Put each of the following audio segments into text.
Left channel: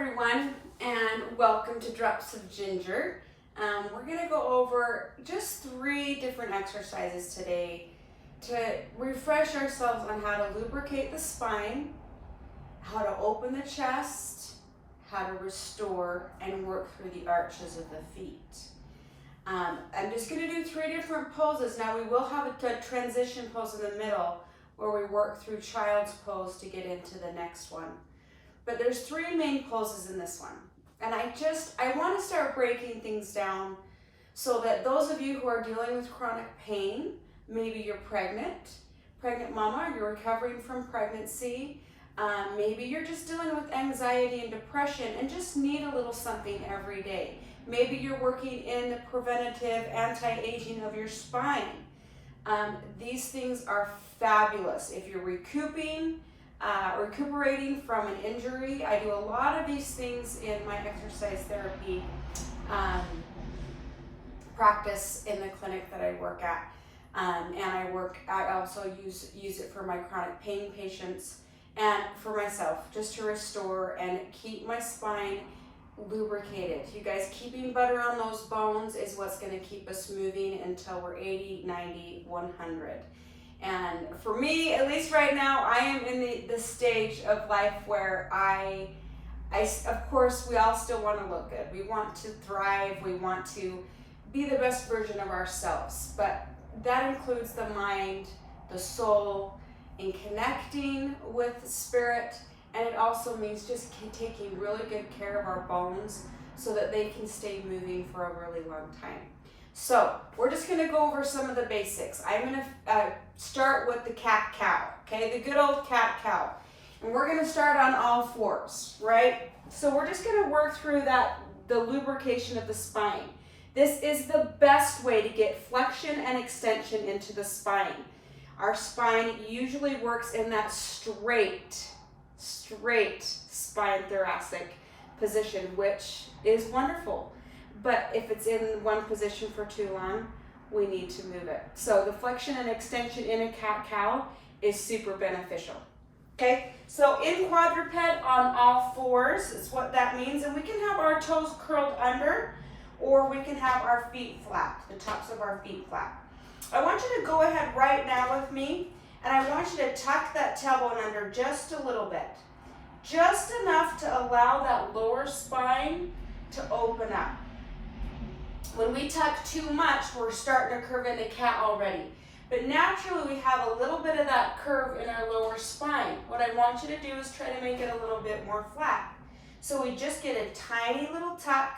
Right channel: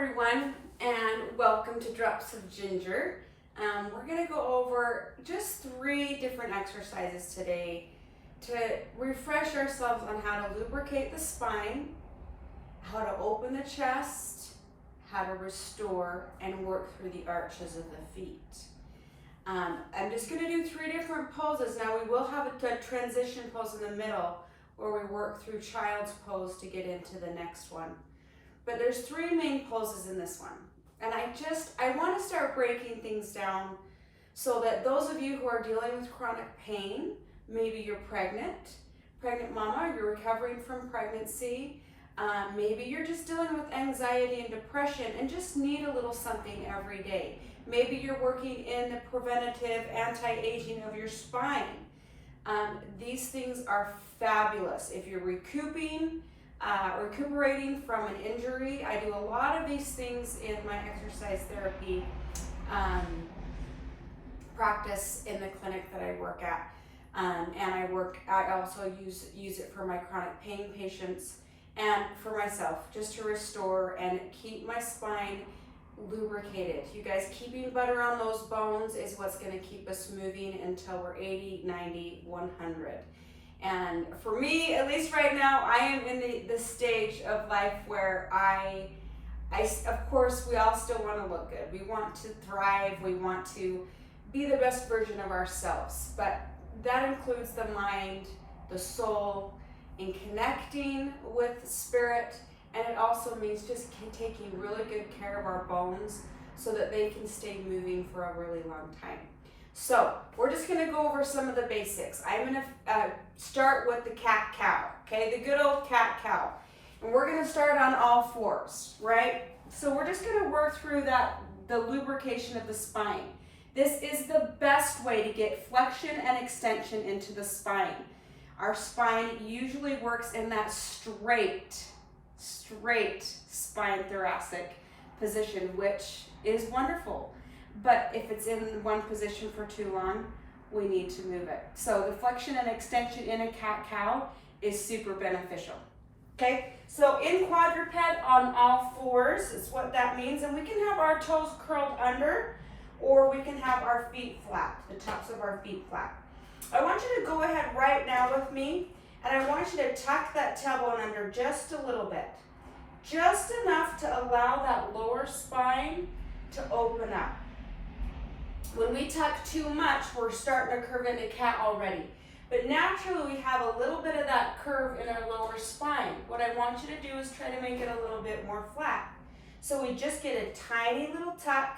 everyone, and welcome to Drops of Ginger. We're going to go over just 3 different exercises today to refresh ourselves on how to lubricate the spine, how to open the chest, how to restore and work through the arches of the feet. I'm just going to do 3 different poses. Now we will have a transition pose in the middle where we work through child's pose to get into the next one. But there's 3 main poses in this one. And I want to start breaking things down so that those of you who are dealing with chronic pain, maybe you're pregnant mama, you're recovering from pregnancy, maybe you're just dealing with anxiety and depression and just need a little something every day. Maybe you're working in the preventative anti-aging of your spine. These things are fabulous. If you're recuperating from an injury, I do a lot of these things in my exercise therapy practice in the clinic that I work at. I also use it for my chronic pain patients and for myself, just to restore and keep my spine lubricated. You guys, keeping butter on those bones is what's going to keep us moving until we're 80, 90, 100. And for me, at least right now, I am in the stage of life where I of course, we all still want to look good. We want to thrive. We want to be the best version of ourselves. But that includes the mind, the soul, and connecting with the spirit. And it also means just taking really good care of our bones so that they can stay moving for a really long time. So we're just going to go over some of the basics. I'm going to start with the cat-cow, okay? The good old cat-cow. And we're going to start on all 4s, right? So we're just going to work through the lubrication of the spine. This is the best way to get flexion and extension into the spine. Our spine usually works in that straight spine thoracic position, which is wonderful. But if it's in one position for too long, we need to move it. So the flexion and extension in a cat-cow is super beneficial. Okay, so in quadruped on all 4s is what that means. And we can have our toes curled under, or we can have our feet flat, the tops of our feet flat. I want you to go ahead right now with me, and I want you to tuck that tailbone under just a little bit. Just enough to allow that lower spine to open up. When we tuck too much, we're starting to curve into cat already. But naturally, we have a little bit of that curve in our lower spine. What I want you to do is try to make it a little bit more flat. So we just get a tiny little tuck,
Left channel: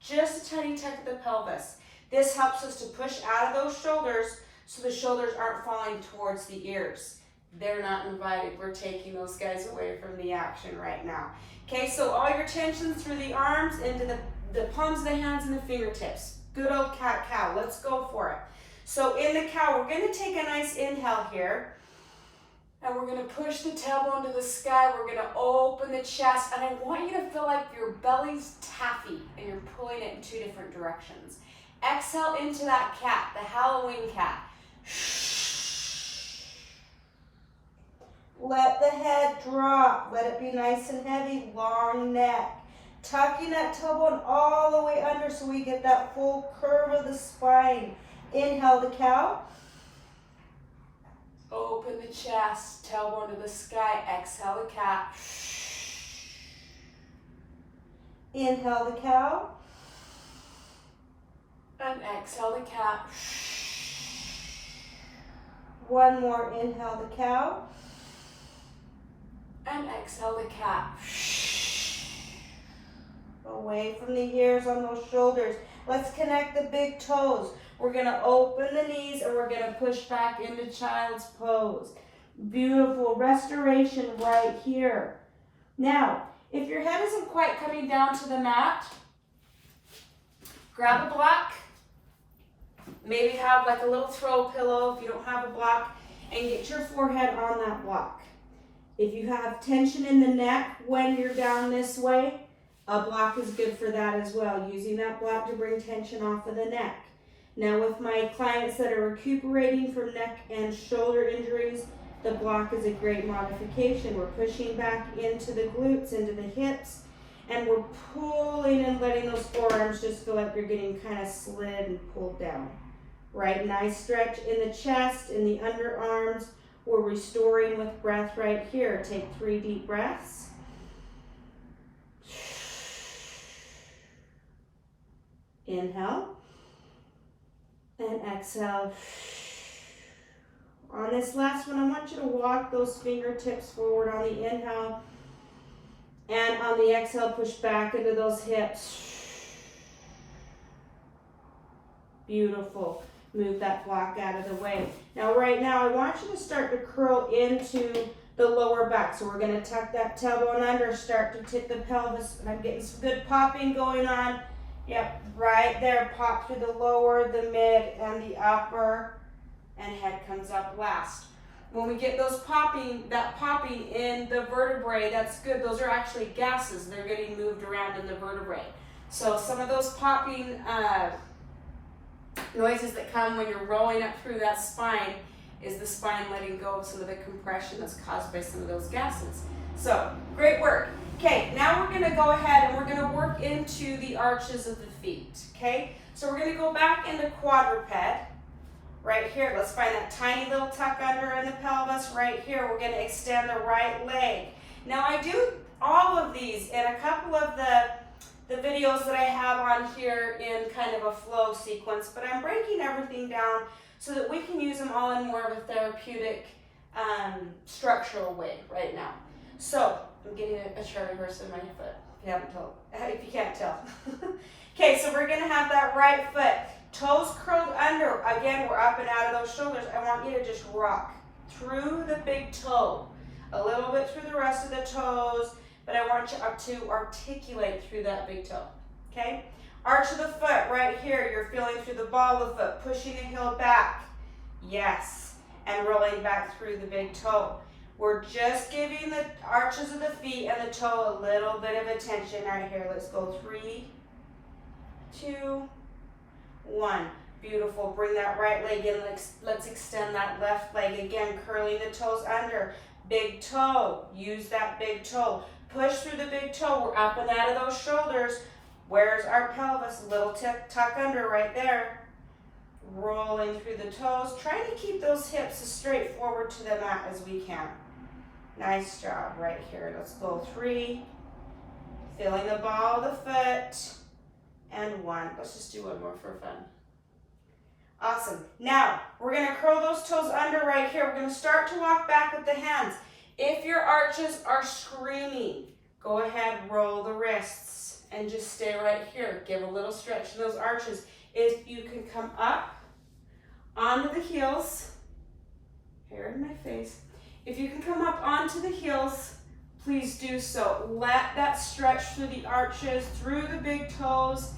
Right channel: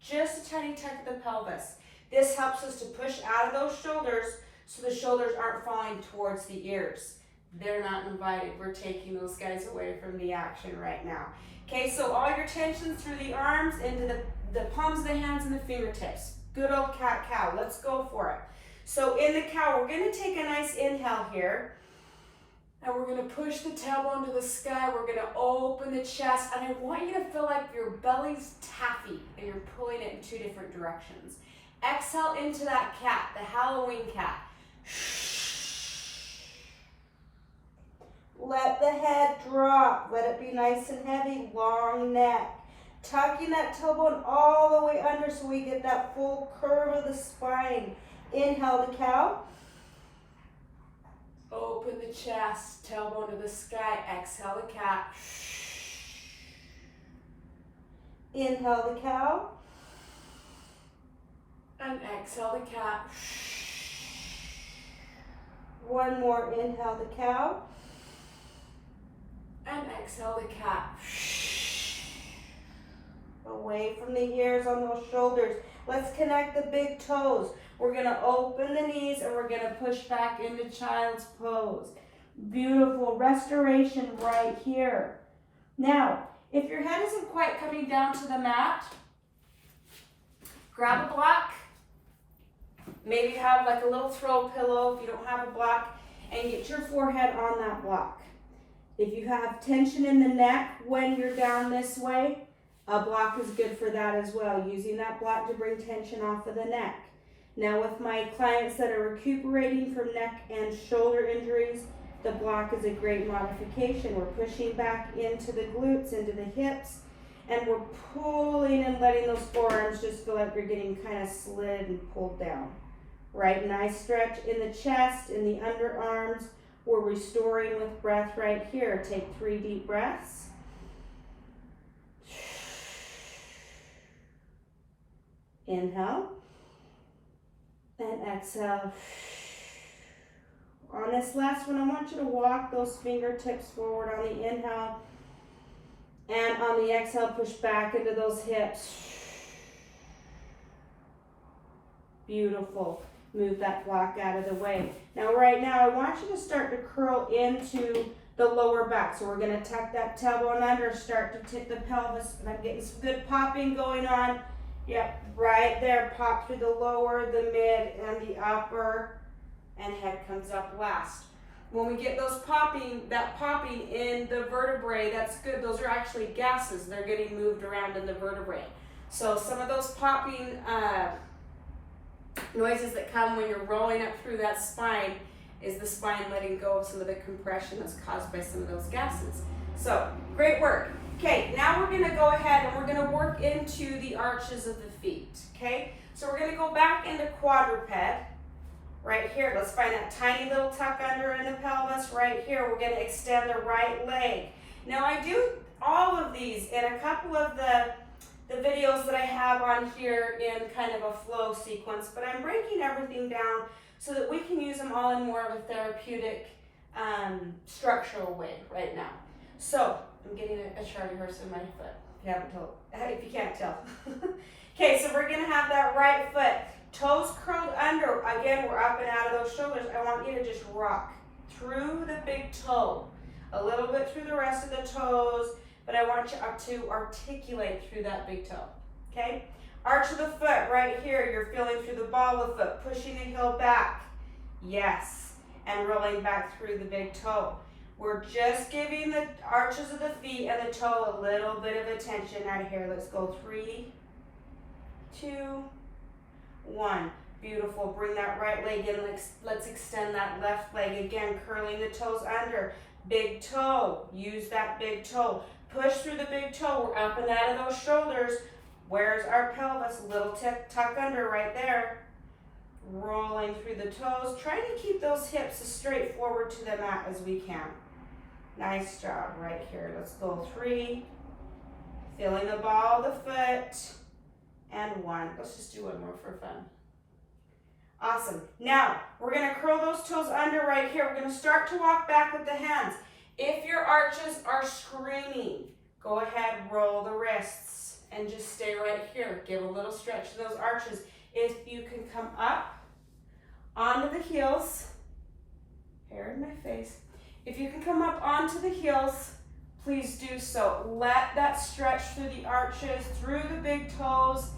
just a tiny tuck of the pelvis. This helps us to push out of those shoulders so the shoulders aren't falling towards the ears. They're not invited. We're taking those guys away from the action right now. Okay, so all your tension through the arms into the palms of the hands and the fingertips. Good old cat-cow. Let's go for it. So in the cow, we're going to take a nice inhale here. And we're going to push the tailbone to the sky. We're going to open the chest. And I want you to feel like your belly's taffy and you're pulling it in 2 different directions. Exhale into that cat, the Halloween cat. Let the head drop. Let it be nice and heavy, long neck. Tucking that tailbone all the way under so we get that full curve of the spine. Inhale the cow. Open the chest, tailbone to the sky. Exhale the cat. Inhale the cow. And exhale the cat. One more, inhale the cow. And exhale the cat. Away from the ears on those shoulders. Let's connect the big toes. We're going to open the knees and we're going to push back into child's pose. Beautiful restoration right here. Now, if your head isn't quite coming down to the mat, grab a block. Maybe have like a little throw pillow if you don't have a block, and get your forehead on that block. If you have tension in the neck when you're down this way, a block is good for that as well, using that block to bring tension off of the neck. Now with my clients that are recuperating from neck and shoulder injuries, the block is a great modification. We're pushing back into the glutes, into the hips, And we're pulling and letting those forearms just feel like you're getting kind of slid and pulled down. Right, nice stretch in the chest, in the underarms. We're restoring with breath right here. Take 3 deep breaths. Inhale. And exhale. On this last one, I want you to walk those fingertips forward on the inhale. And on the exhale, push back into those hips. Beautiful. Move that block out of the way. Now, right now, I want you to start to curl into the lower back. So we're going to tuck that tailbone under, start to tip the pelvis. And I'm getting some good popping going on. Yep, right there. Pop through the lower, the mid, and the upper. And head comes up last. When we get those popping in the vertebrae, that's good. Those are actually gases. They're getting moved around in the vertebrae. So some of those popping noises that come when you're rolling up through that spine is the spine letting go of some of the compression that's caused by some of those gases. So, great work. Okay, now we're going to go ahead and we're going to work into the arches of the feet. Okay, so we're going to go back into quadruped. Right here, let's find that tiny little tuck under in the pelvis. Right here, we're going to extend the right leg. Now, I do all of these in a couple of the videos that I have on here in kind of a flow sequence, but I'm breaking everything down so that we can use them all in more of a therapeutic, structural way right now. So, I'm getting a Charlie horse in my foot, if you can't tell. Okay, so we're going to have that right foot. Toes curled under. Again, we're up and out of those shoulders. I want you to just rock through the big toe. A little bit through the rest of the toes, but I want you to articulate through that big toe. Okay? Arch of the foot right here. You're feeling through the ball of the foot, pushing the heel back. Yes. And rolling back through the big toe. We're just giving the arches of the feet and the toe a little bit of attention right here. Let's go 3, 2, 1. Beautiful. Bring that right leg in. Let's extend that left leg. Again, curling the toes under. Big toe. Use that big toe. Push through the big toe. We're up and out of those shoulders. Where's our pelvis? Little tuck under right there. Rolling through the toes. Trying to keep those hips as straight forward to the mat as we can. Nice job right here. Let's go 3. Feeling the ball of the foot. And 1. Let's just do one more for fun. Awesome. Now, we're going to curl those toes under right here. We're going to start to walk back with the hands. If your arches are screaming, go ahead, roll the wrists, and just stay right here. Give a little stretch to those arches. If you can come up onto the heels, hair in my face. If you can come up onto the heels, please do so. Let that stretch through the arches, through the big toes,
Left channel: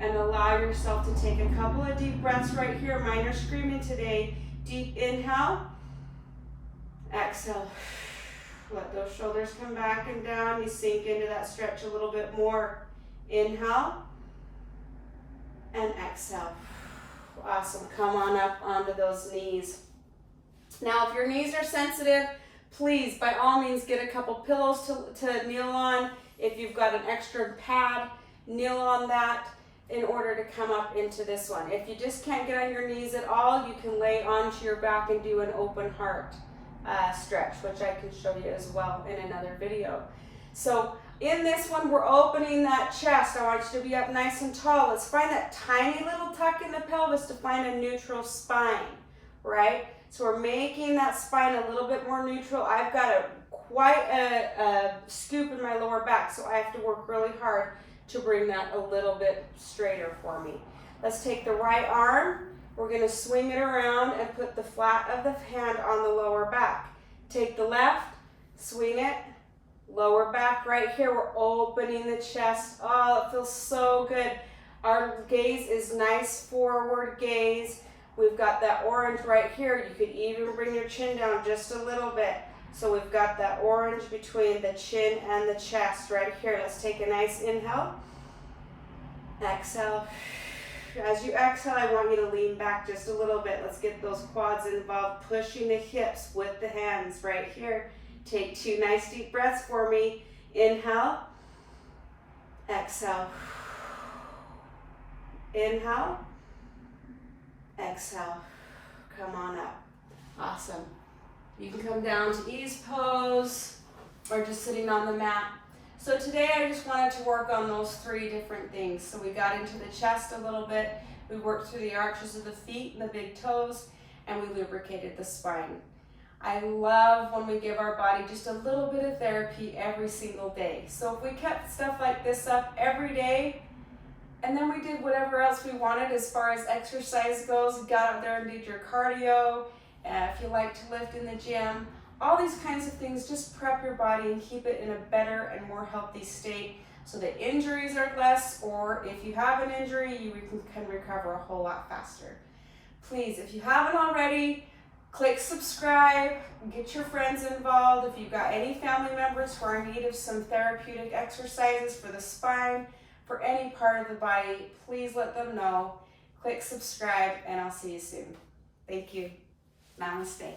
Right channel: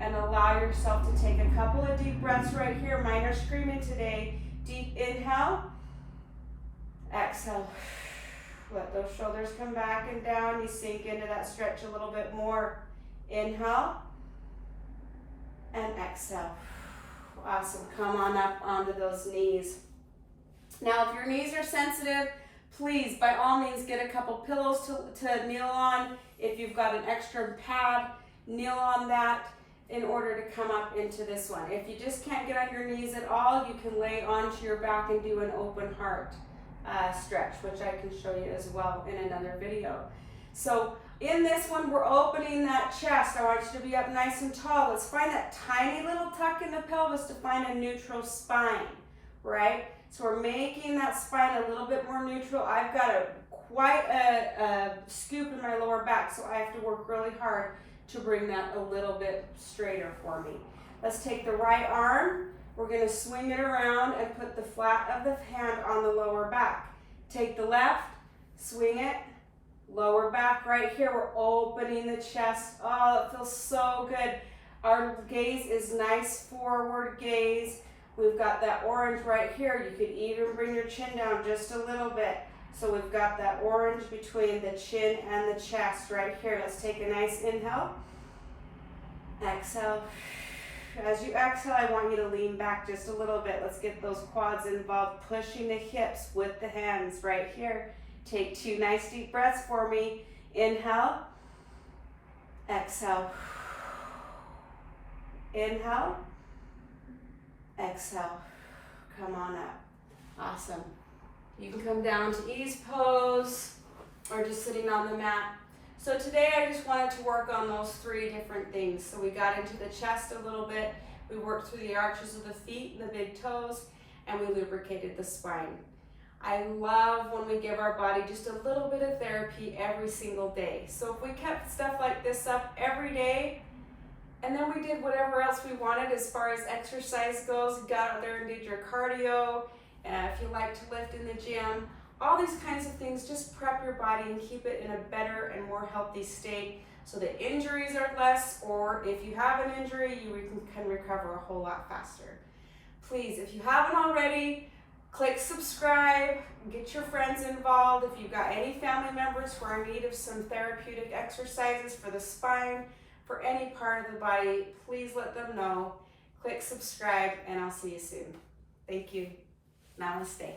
and allow yourself to take a couple of deep breaths right here. Mine are screaming today. Deep inhale. Exhale. Let those shoulders come back and down. You sink into that stretch a little bit more. Inhale. And exhale. Awesome. Come on up onto those knees. Now, if your knees are sensitive, please, by all means, get a couple pillows to kneel on. If you've got an extra pad, kneel on that in order to come up into this one. If you just can't get on your knees at all, you can lay onto your back and do an open heart stretch, which I can show you as well in another video. So in this one, we're opening that chest. I want you to be up nice and tall. Let's find that tiny little tuck in the pelvis to find a neutral spine, right? So we're making that spine a little bit more neutral. I've got quite a scoop in my lower back, so I have to work really hard to bring that a little bit straighter for me. Let's take the right arm. We're going to swing it around and put the flat of the hand on the lower back. Take the left, swing it, lower back right here. We're opening the chest. Oh, it feels so good. Our gaze is nice forward gaze. We've got that orange right here. You could even bring your chin down just a little bit. So we've got that orange between the chin and the chest right here. Let's take a nice inhale. Exhale. As you exhale, I want you to lean back just a little bit. Let's get those quads involved, pushing the hips with the hands right here. Take 2 nice deep breaths for me. Inhale. Exhale. Inhale. Exhale. Come on up. Awesome. You can come down to ease pose or just sitting on the mat. So today I just wanted to work on those 3 different things. So we got into the chest a little bit, we worked through the arches of the feet and the big toes, and we lubricated the spine. I love when we give our body just a little bit of therapy every single day. So if we kept stuff like this up every day, and then we did whatever else we wanted as far as exercise goes, got out there and did your cardio, if you like to lift in the gym, all these kinds of things, just prep your body and keep it in a better and more healthy state so that injuries are less, or if you have an injury, you can recover a whole lot faster. Please, if you haven't already, click subscribe, get your friends involved. If you've got any family members who are in need of some therapeutic exercises for the spine, for any part of the body, please let them know. Click subscribe, and I'll see you soon. Thank you. Namaste.